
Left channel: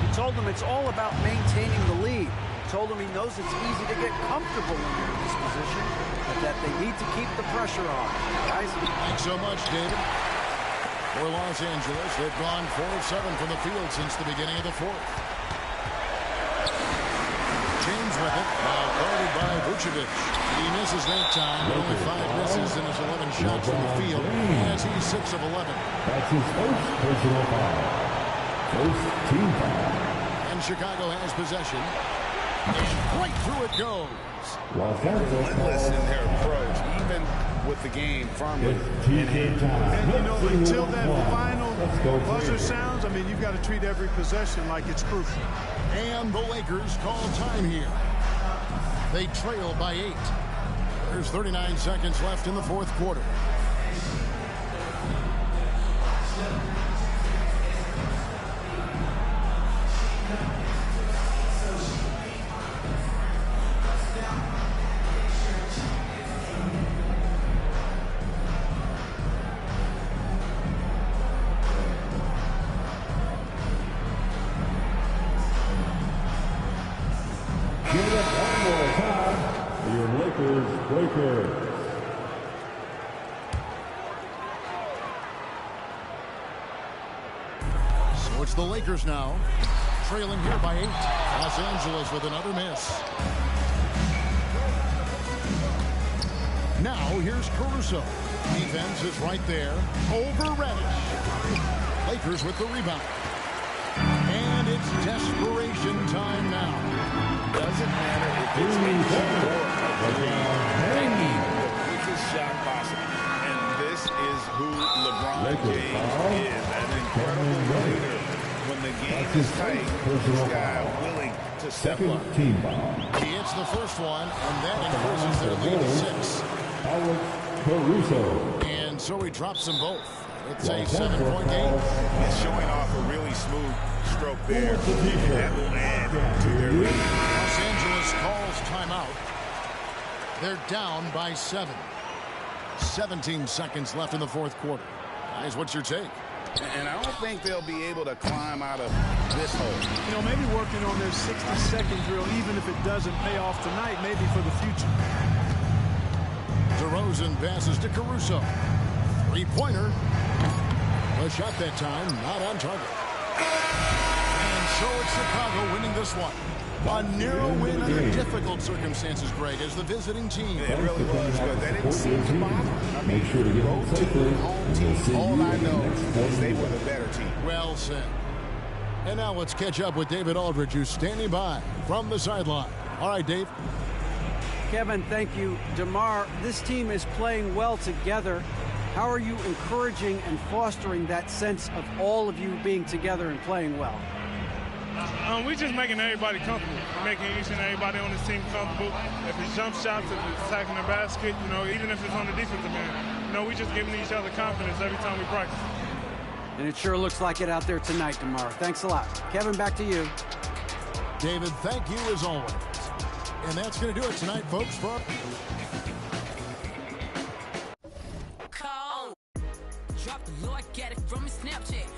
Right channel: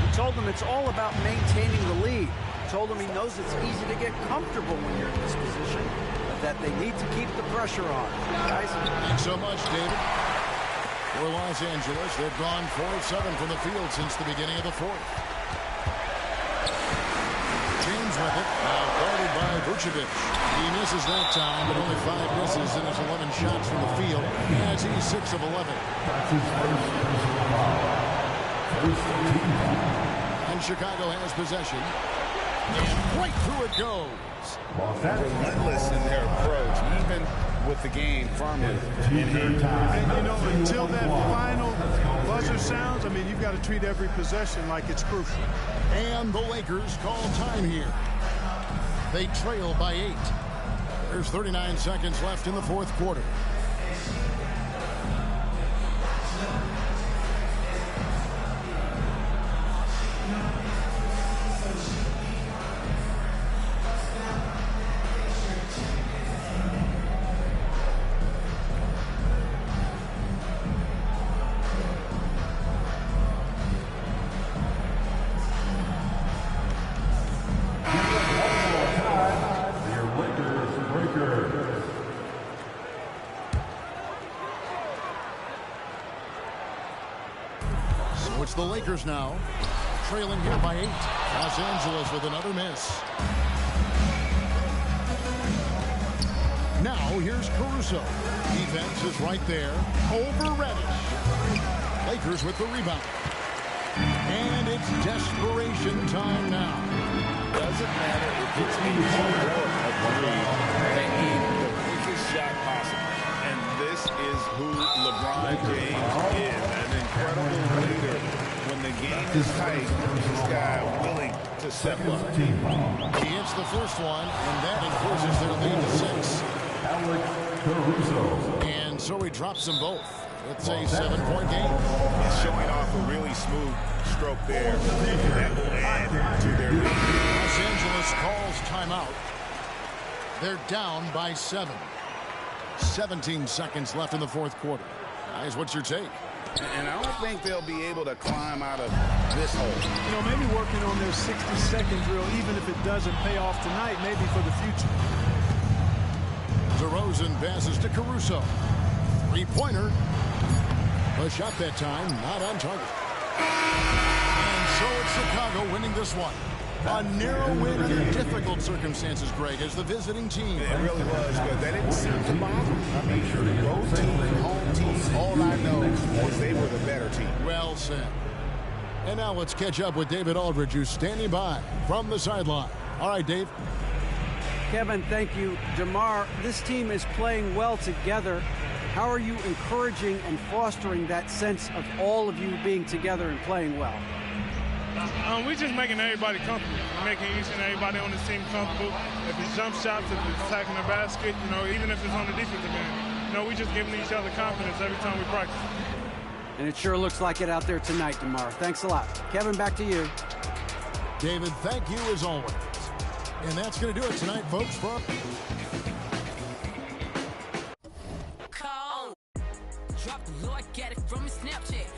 He told them it's all about maintaining the lead. He told them he knows it's easy to get comfortable when you're in this position, but that they need to keep the pressure on. Guys? Thanks so much, David. For Los Angeles, they've gone 4 of 7 from the field since the beginning of the fourth. James with it, now guarded by Vucevic. He misses that time, but only 5 misses in his 11 shots from the field, as he's 6 of 11. That's his first personal foul. First team foul. And Chicago has possession. And right through it goes. Relentless in their approach, even with the game firmly in hand. And, you know, until that final buzzer sounds, I mean, you've got to treat every possession like it's crucial. And the Lakers call time here. They trail by 8. There's 39 seconds left in the fourth quarter. So it's the Lakers now, trailing here by 8. Los Angeles with another miss. Now here's Caruso. Defense is right there over Reddish. Lakers with the rebound. And it's desperation time now. Doesn't matter if it's a 2 or a 3. They need the quickest shot possible. And this is who LeBron James is, an incredible leader. When the game is tight, this guy willing to step up. He hits the first one, and that increases their lead to 6. Alex Caruso. And so he drops them both. It's a 7-point game. He's showing off a really smooth stroke there. That will add to their lead. Los Angeles calls timeout. They're down by 7. 17 seconds left in the fourth quarter. Guys, what's your take? And I don't think they'll be able to climb out of this hole. You know, maybe working on their 60-second drill, even if it doesn't pay off tonight, maybe for the future. DeRozan passes to Caruso. 3-pointer. The shot that time, not on target. And so it's Chicago winning this one. A narrow win under difficult circumstances, Greg, as the visiting team. It really was, but that didn't seem to bother them. I mean, road team, home team, all I know is they were the better team. Well said. And now let's catch up with David Aldridge, who's standing by from the sideline. All right, Dave. Kevin, thank you. DeMar, this team is playing well together. How are you encouraging and fostering that sense of all of you being together and playing well? We're just making everybody comfortable. We're making each and everybody on this team comfortable. If it's jump shots, if it's attacking the basket, you know, even if it's on the defensive end, you know, we just giving each other confidence every time we practice. And it sure looks like it out there tonight, DeMar. Thanks a lot. Kevin, back to you. David, thank you as always. And that's going to do it tonight, folks. Drop the low, I get it from his Snapchat.